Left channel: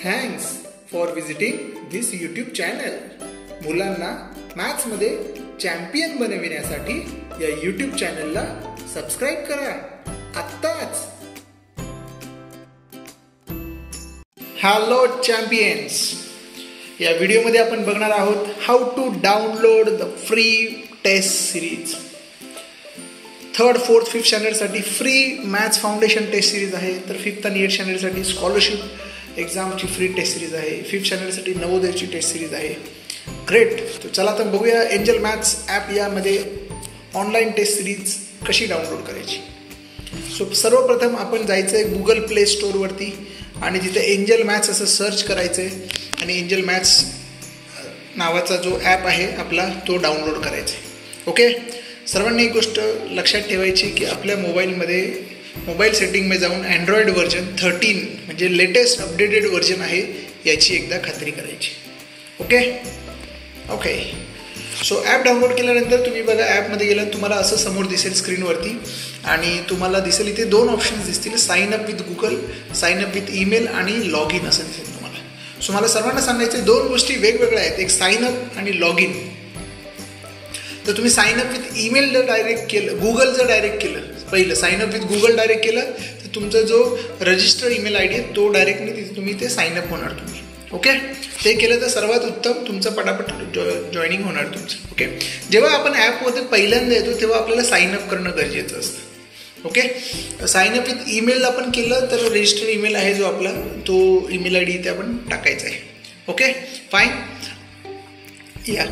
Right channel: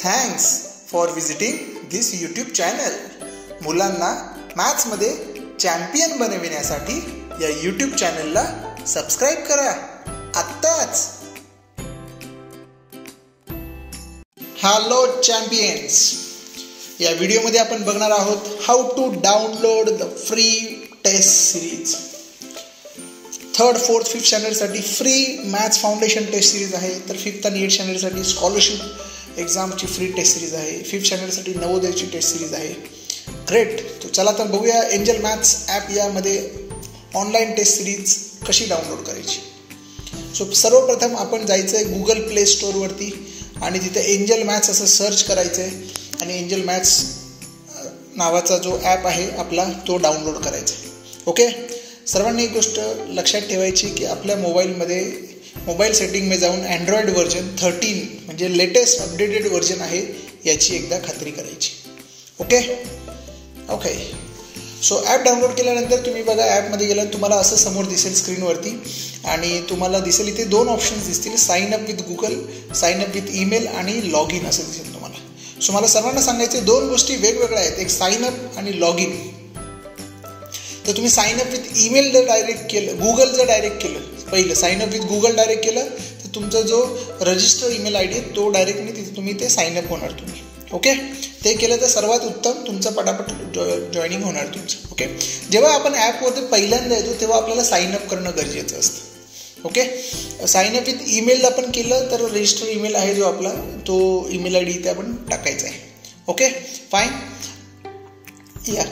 Thanks for visiting this YouTube channel. मुलांना मॅथ्समध्ये champion बनविण्यासाठी या यूट्यूब चॅनलला सबस्क्राईब करा आत्ताच. हॅलो चॅम्पियन्स, या व्हिडिओमध्ये आपण बघणार आहोत how to download the free test series. 3rd, 4th, 5th स्टँडर्डसाठी free maths foundation test series आहे. तर 5th आणि 8th स्टँडर्डसाठी स्कॉलरशिप एक्झामची फ्री टेस्ट सिरीज आहे. 5th स्टँडर्डसाठी नवोदयची टेस्ट सिरीज आहे. ग्रेट. तर चला तर बघूया एंजल मॅथ्स ॲप यामध्ये ऑनलाईन टेस्ट सिरीज कशी डाउनलोड करायची. सो सर्वप्रथम आपण जायचं आहे गुगल प्ले स्टोअरवरती आणि तिथे एंजल मॅथ्स असं सर्च करायचं आहे आणि एंजल मॅथ्स नावाचा जो ॲप आहे आपला तो डाउनलोड करायचा आहे. ओके. सर्वांनी एक गोष्ट लक्षात ठेवायची की आपल्या मोबाईल सेटिंगमध्ये जाऊन अँड्रॉइड व्हर्जन 13 म्हणजे लेटेस्ट अपडेटेड व्हर्जन आहे याची एकदा खात्री करायची. ओके. सो ॲप डाउनलोड केल्यानंतर तुम्ही बघा ॲपमध्ये गेला तुम्हाला असं समोर दिसेल स्क्रीनवरती आणि तुम्हाला दिसेल इथे 2 ऑप्शन्स दिसतील, sign up with Google, sign up with email आणि लॉग इन असं दिसेल तुम्हाला. सो मला सर्वांना सांगायचे 2 गोष्टी वेगवेगळ्या आहेत, एक साइन अप आणि लॉग इन. तर तुम्ही साइन अप विथ ईमेल जर डायरेक्ट केलं, गुगल जर डायरेक्ट केलं, पहिलं sign up with Google direct केलं तर तुमचा जो रजिस्टर ईमेल आय डी आहे तो डायरेक्टली तिथे तुम्ही ते साइन अप होणार तुम्ही. ओके. ते केलं तर सर्वात उत्तम, तुमचं पटापट जॉईनिंग होणार तुमचं. ओके. जेव्हा आपण ॲपवरती पहिल्यांदा येतो तेव्हा आपल्याला साइन अप करणं गरजेचं असतं. Okay. Sign up with email आपण केलं तर रजिस्टर ईमेल आहे जो आपला तो ईमेल आय डी इथे आपण टाकायचा आहे. ओके. फाईन. या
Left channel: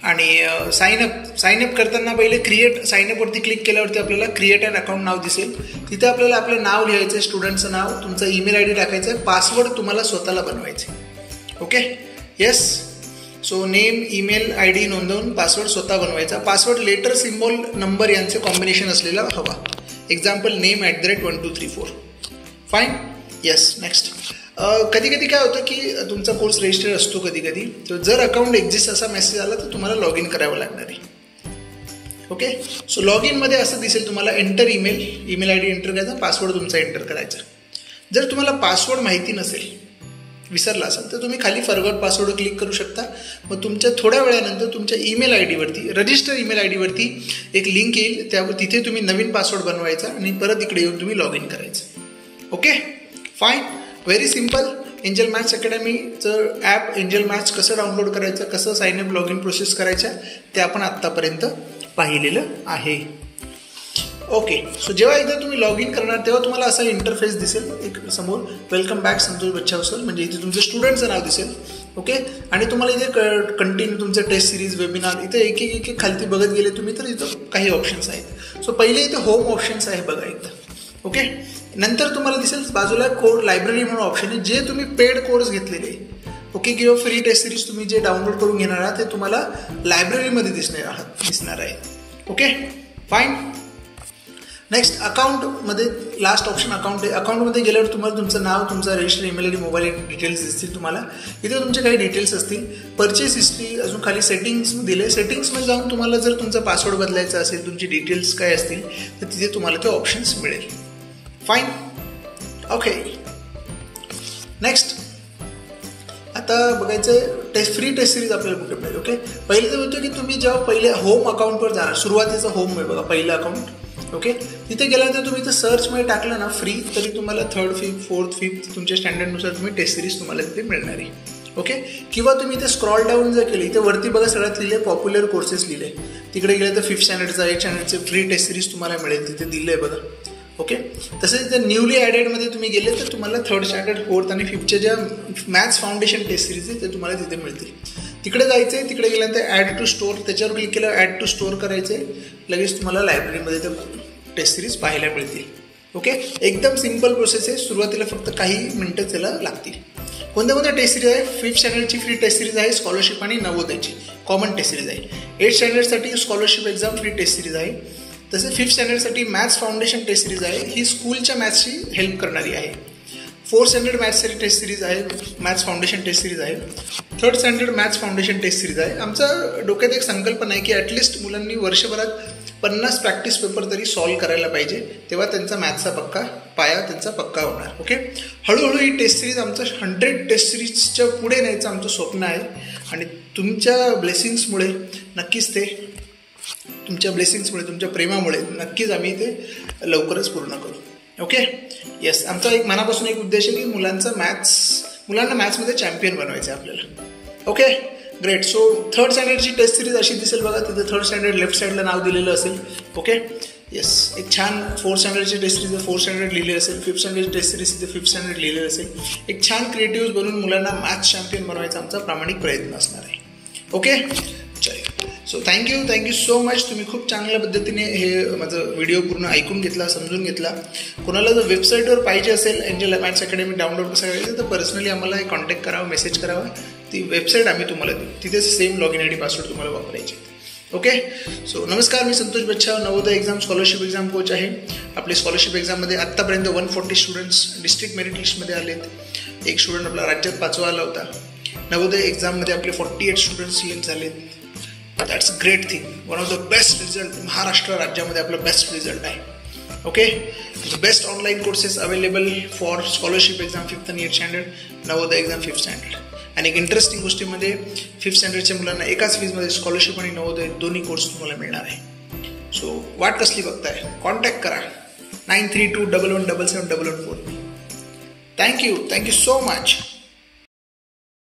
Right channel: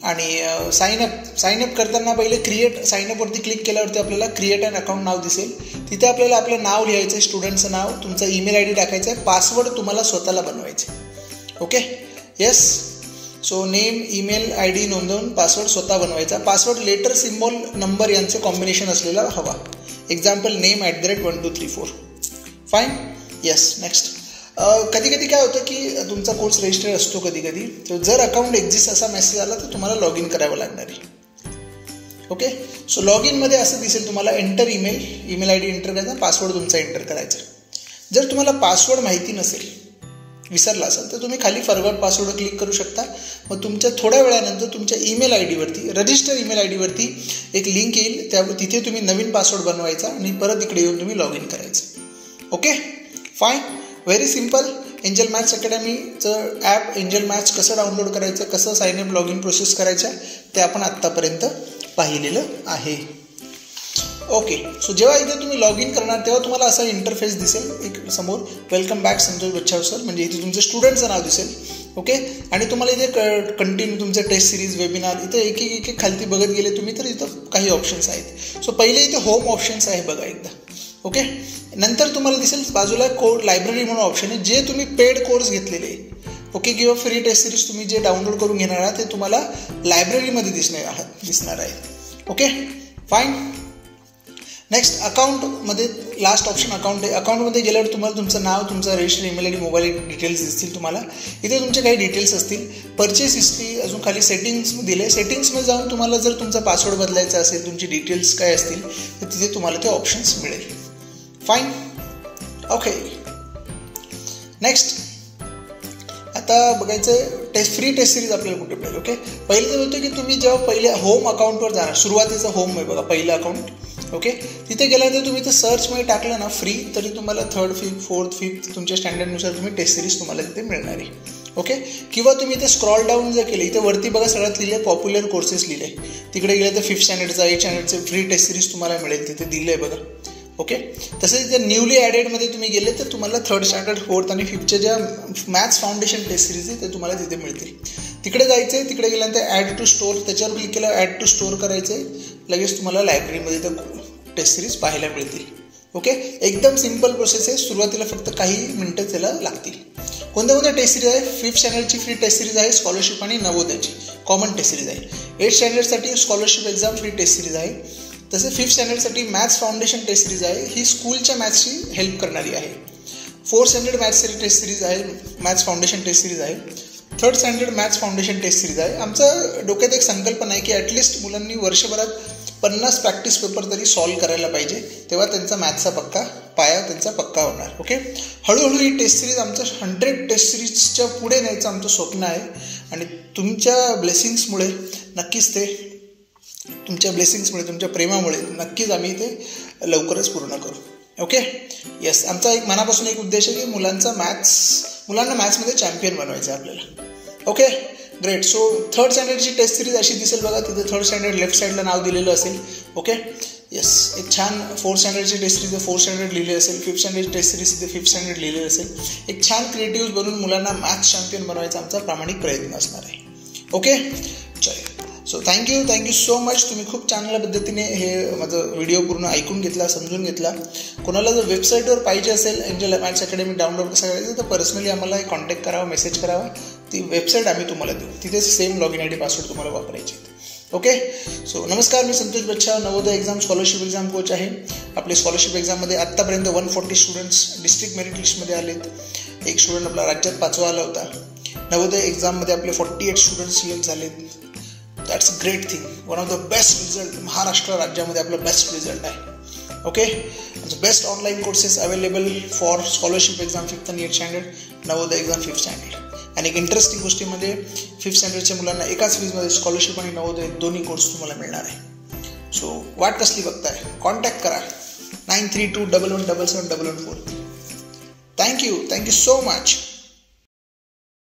आणि साइन अप करताना पहिले साइन अपवरती क्लिक केल्यावरती आपल्याला क्रिएट अँड अकाउंट नाव दिसेल. तिथे आपल्याला आपलं नाव लिहायचं आहे, स्टुडंटचं नाव, तुमचं ईमेल आय डी टाकायचं आहे, पासवर्ड तुम्हाला स्वतःला बनवायचं आहे. Okay. Yes. So name, email I D नोंदवून पासवर्ड स्वतः बनवायचा. पासवर्ड लेटर, सिम्बॉल, नंबर यांचं कॉम्बिनेशन असलेला हवा. Example name @1234. Fine. Yes. Next. कधी कधी काय होतं की तुमचा कोर्स रजिस्टर असतो कधी कधी, तर जर अकाउंट एक्झिस्ट असा मेसेज आला तर तुम्हाला लॉग इन करावं लागणार आहे. ओके. सो लॉग इनमध्ये असं दिसेल तुम्हाला enter email I D enter करायचा, पासवर्ड तुमचा एंटर करायचा. जर तुम्हाला पासवर्ड माहिती नसेल, विसरला असेल तर तुम्ही खाली फॉरगॉट पासवर्ड क्लिक करू शकता. मग तुमच्या थोड्या वेळानंतर तुमच्या ईमेल आय डीवरती, रजिस्टर ईमेल आय डीवरती एक लिंक येईल, तिथे तुम्ही नवीन पासवर्ड बनवायचा आणि परत इकडे येऊन तुम्ही लॉग इन करायचं. Okay. Fine. Very simple. Angel maths अकॅडमीचं ॲप एंजल मॅथ्स कसं डाउनलोड करायचं, कसं sign up log in process करायचं ते आपण आत्तापर्यंत पाहिलेलं आहे. ओके. सो जेव्हा एकदा तुम्ही लॉग इन करणार तेव्हा तुम्हाला असा इंटरफेस दिसेल एक समोर, welcome back Santosh Bachhav sir, म्हणजे इथे तुमचं स्टुडंटचं नाव दिसेल. ओके. आणि तुम्हाला इथे कंटिन्यू तुमचं टेस्ट सिरीज, वेबिनार, इथे एक एक खालती बघत गेले तुम्ही तर इथं काही ऑप्शन्स आहेत. सो पहिले इथे होम ऑप्शन्स आहे बघा एकदा. ओके. नंतर तुम्हाला दिसेल बाजूला कोड लायब्ररी म्हणून ऑप्शन आहे, जे तुम्ही पेड कोर्स घेतलेले. ओके. किंवा फ्री टेस्ट सिरीज तुम्ही जे डाउनलोड करून घेणार आहात ते तुम्हाला लायब्ररीमध्ये दिसणार आहे. ओके. फाईन. नेक्स्ट अकाउंटमध्ये लास्ट ऑप्शन अकाउंट आहे. अकाउंटमध्ये गेल्यावर तुम्हाला तुमचं नाव, तुमचा register email I D, mobile details दिसतील तुम्हाला. इथे तुमचे काही डिटेल्स असतील. परचेस हिस्ट्री, अजून खाली सेटिंग्स दिले. सेटिंग्समध्ये जाऊन तुम्हाला जर तुमचा पासवर्ड बदलायचा असेल, तुमची डिटेल्स काय असतील तर तिथे तुम्हाला ते ऑप्शन्स मिळेल. फाईन. ओके. नेक्स्ट आता बघायचं फ्री टेस्ट सिरीज आपल्याला कुठे मिळेल. ओके. पहिले तर होतं की तुम्ही जेव्हा पहिले होम अकाउंटवर जाणार, सुरुवातीचं होम आहे बघा पहिलं अकाउंट. ओके. तिथे गेल्यानंतर तुम्ही तर सर्चमध्ये टाकलं ना फ्री, तरी तुम्हाला 3rd, 4th, 5th तुमच्या स्टँडर्डनुसार तुम्ही टेस्ट सिरीज तुम्हाला तिथे मिळणार आहे. ओके. किंवा तुम्ही इथे स्क्रॉल डाऊन जर केली, इथे वरती बघा सगळ्यात लिहिले पॉप्युलर कोर्सेस लिहिले. तिकडे गेले तर 5th स्टँडर्डचा, 8th स्टँडर्डचं फ्री टेस्ट सिरीज तुम्हाला मिळेल, तिथे दिलं आहे बघा. ओके. तसेच इथे न्यूली ॲडेडमध्ये तुम्ही गेले तर तुम्हाला 3rd स्टँडर्ड, 4th आणि 5thच्या ज्या मॅथ्स फाउंडेशन टेस्ट सिरीज आहे ते तुम्हाला तिथे मिळतील. तिकडे जायचं आहे, तिकडे गेल्यानंतर ॲड टू स्टोअर, त्याच्यावर क्लिक केलं ॲड टू स्टोअर करायचं आहे, लगेच तुम्हाला लायब्ररीमध्ये तर टेस्ट सिरीज पाहायला मिळतील. ओके. एकदम सिम्पल प्रोसेस आहे. सुरुवातीला फक्त काही मिनटं त्याला लागतील. कोणत्या टेस्ट सिरीज आहे? 5th स्टँडर्डची फ्री टेस्ट सिरीज आहे, स्कॉलरशिप आणि नवोदयची कॉमन टेस्ट सिरीज आहे. 8th स्टँडर्डसाठी scholarship exam free test series आहे. तसे 5th स्टँडर्डसाठी मॅथ्स फाउंडेशन टेस्ट सिरीज आहे, ही स्कूलच्या मॅथ्सची हेल्प करणारी आहे. 4th स्टँडर्ड मॅथ्सची टेस्ट सिरीज आहे, मॅथ्स फाउंडेशन टेस्ट सिरीज आहे. 3rd standard maths foundation test series आहे. आमचं डोक्यात एक संकल्पना आहे की ॲटलिस्ट मुलांनी वर्षभरात 50 प्रॅक्टिस पेपर तरी सॉल्व्ह करायला पाहिजे, तेव्हा त्यांचा मॅथ्सचा पक्का पाया त्यांचा पक्का होणार. ओके, हळूहळू ही टेस्ट सिरीज आमचं 100 टेस्ट सिरीजच्या पुढे न्यायचं आमचं स्वप्न आहे आणि तुमच्या ब्लेसिंग्समुळे नक्कीच ते, तुमच्या ब्लेसिंग्समुळे, तुमच्या प्रेमामुळे नक्कीच आम्ही ते लवकरच पूर्ण करू. ओके, येस, आमचा एक मनापासून एक उद्देश आहे की मुलांना मॅथ्समध्ये चॅम्पियन बनवायचं आहे आपल्याला. Okay, great. सो 3rd स्टँडर्डची टेस्ट सिरीज अशी दिसेल बघा. तिथे 3rd स्टँडर्ड लेफ्ट साईडला नाव दिलेलं असेल. ओके, येस, एक छान 4th स्टँडर्डची test series 4th standard लिहिले असेल. 5th स्टँडर्डची टेस्ट सिरीज तिथे 5th स्टँडर्ड लिहिलेलं असेल. एक छान क्रिएटिव्ह बनवून मुलांना मॅथ्स चॅम्पियन बनवायचा आमचा प्रामाणिक प्रयत्न असणार आहे. ओके, चल. So thank you so much. तुम्ही खूप चांगल्या पद्धतीने हे माझं व्हिडिओ पूर्ण ऐकून घेतला, समजून घेतला. कोणाला जर वेबसाईटवर पाहिजे असेल एंजल मॅथ्स अकॅडमी डाउनलोड कसं करायचं तर पर्सनली आम्हाला कॉन्टॅक्ट करावा, मेसेज करावा. ती वेबसाईट आम्ही तुम्हाला देऊ. तिथे same log in ID password तुम्हाला वापरायचे. ओके, सो नमस्कार, मी Santosh Bachhav, Navodaya exam scholarship exam coach आहे. आपले स्कॉलरशिप एक्झाममध्ये आत्तापर्यंत 140 स्टुडंट्स डिस्ट्रिक्ट मेरिट लिस्टमध्ये आलेत. एक स्टुडंट आपला राज्यात 5वा आला होता. नवोदय एक्झाममध्ये आपले 48 स्टुडंट्स सिलेक्ट झालेत. That's a great thing. One of the best result. Maharashtra राज्यामध्ये आपला बेस्ट रिझल्ट आहे. Okay, the best online courses available for scholarship exam 5th and 8th standard, Navodaya exam 5th standard. आणि एक इंटरेस्टिंग गोष्टीमध्ये 5th स्टँडर्डच्या मुलांना एकाच फीजमध्ये स्कॉलरशिप आणि नवोदय दोन्ही कोर्स तुम्हाला मिळणार आहे. सो वाट कसली बघताय, कॉन्टॅक्ट करा 9321177714. Thank you so much.